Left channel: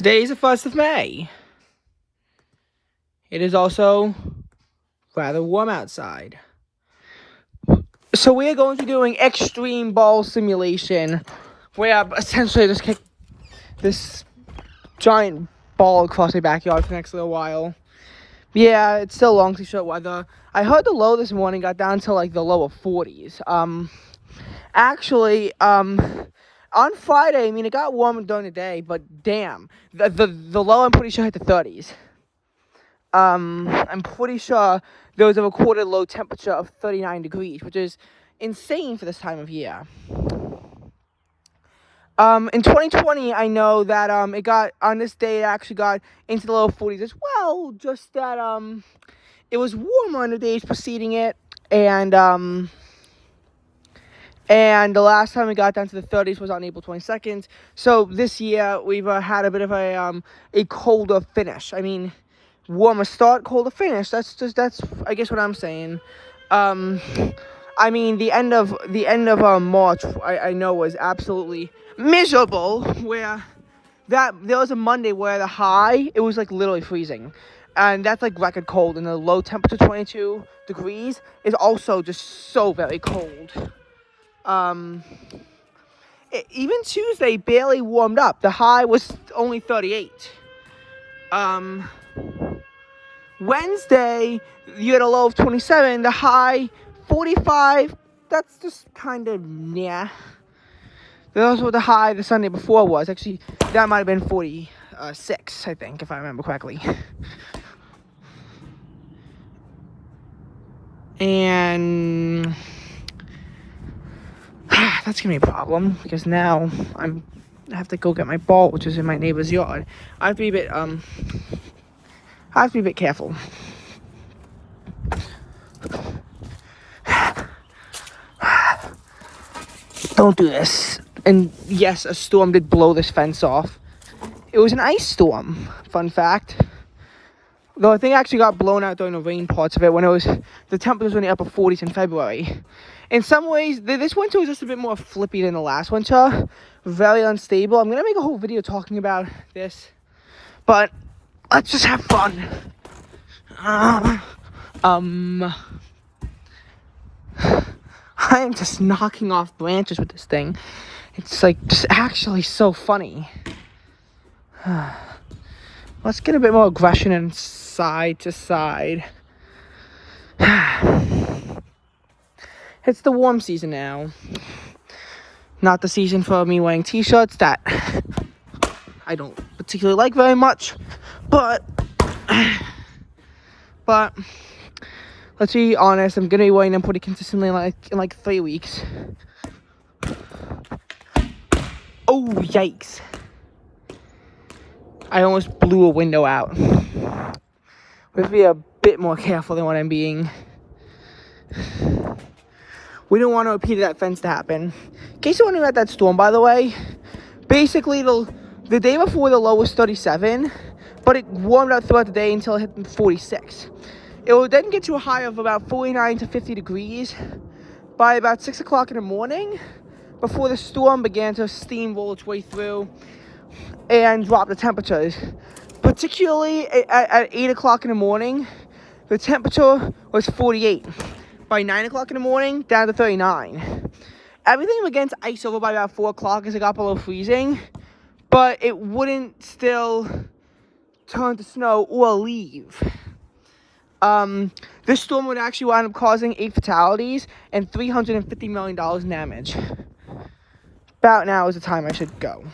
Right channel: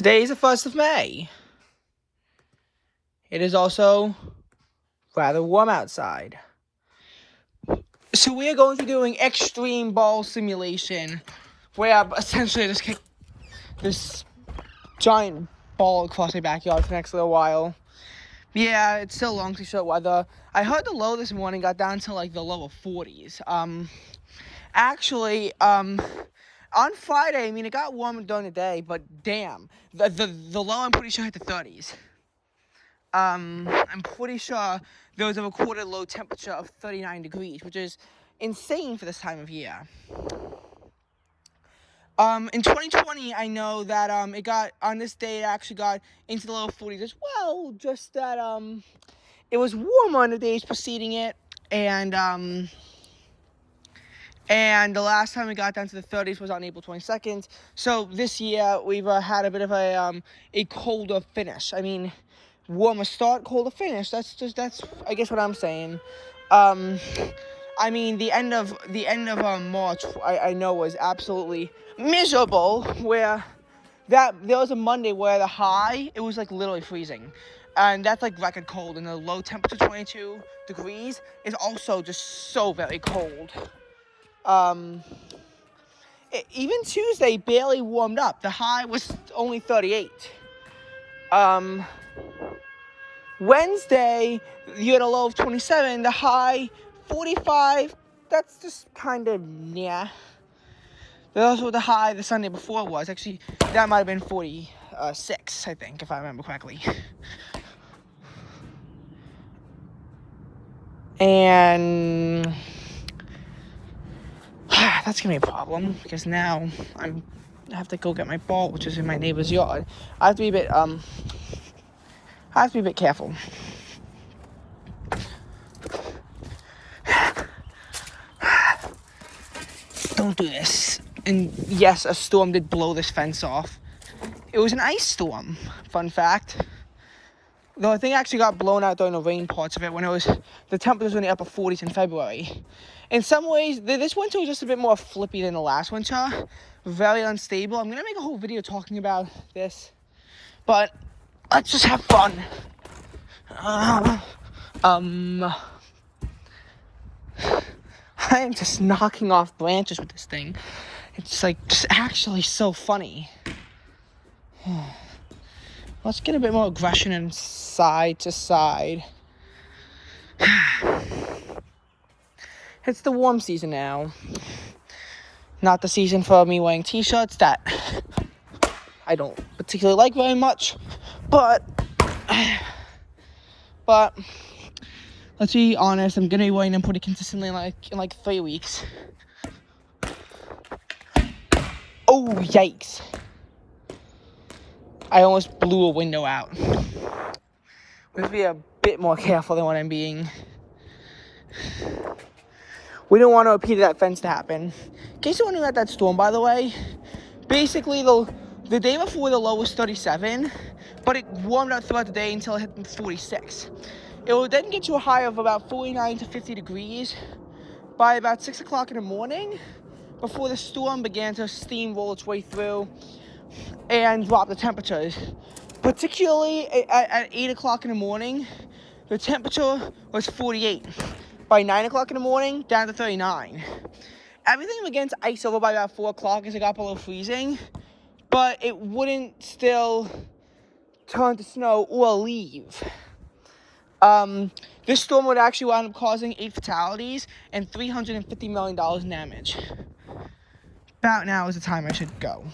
Today is the 1st of May. It is also rather warm outside. So we are going to be doing extreme ball simulation, where I essentially just kick this giant ball across my backyard for the next little while. Yeah, it's still long to short weather. I heard the low this morning got down to like the lower 40s. On Friday, I mean, it got warm during the day, but damn, the low I'm pretty sure hit the 30s. I'm pretty sure there was a recorded low temperature of 39 degrees, which is insane for this time of year. In 2020, I know that it got, on this day, it actually got into the low 40s as well, just that it was warmer on the days preceding it, and the last time we got down to the 30s was on April 22nd. So this year we've had a bit of a colder finish. I mean, warmer start, colder finish. That's I guess what I'm saying. I mean, the end of March I know was absolutely miserable. Where there was a Monday where the high, it was like literally freezing. And that's like record cold, and the low temperature 22 degrees is also just so very cold. Even Tuesday barely warmed up. The high was only 38. Wednesday, you had a low of 27. The high, 45. That's just kind of, yeah. That's what the high the Sunday before was. Actually, that might have been 46, I think, if I remember correctly. And that's gonna be a problem, because now I have to go get my ball, which is in my neighbor's yard. I have to be a bit careful. Don't do this. And yes, a storm did blow this fence off. It was an ice storm, fun fact. Though I think it actually got blown out during the rain parts of it, when the temperatures were in the upper 40s in February. In some ways, this winter was just a bit more flippy than the last winter. Very unstable. I'm going to make a whole video talking about this. But let's just have fun. I am just knocking off branches with this thing. It's like just actually so funny. Let's get a bit more aggression and side to side. It's the warm season now. Not the season for me wearing t-shirts that I don't particularly like very much. But let's be honest, I'm gonna be wearing them pretty consistently in like 3 weeks. Oh, yikes. I almost blew a window out. We have to be a bit more careful than what I'm being. We don't want a repeat of that fence to happen. In case you're wondering about that storm, by the way, basically the day before the low was 37, but it warmed up throughout the day until it hit 46. It will then get to a high of about 49 to 50 degrees by about 6 o'clock in the morning, before the storm began to steamroll its way through and drop the temperatures. Particularly at 8 o'clock in the morning, the temperature was 48. By 9 o'clock in the morning, down to 39. Everything began to ice over by about 4 o'clock as it got below freezing, but it wouldn't still turn to snow or leave. This storm would actually wind up causing 8 fatalities and $350 million in damage. About now is the time I should go.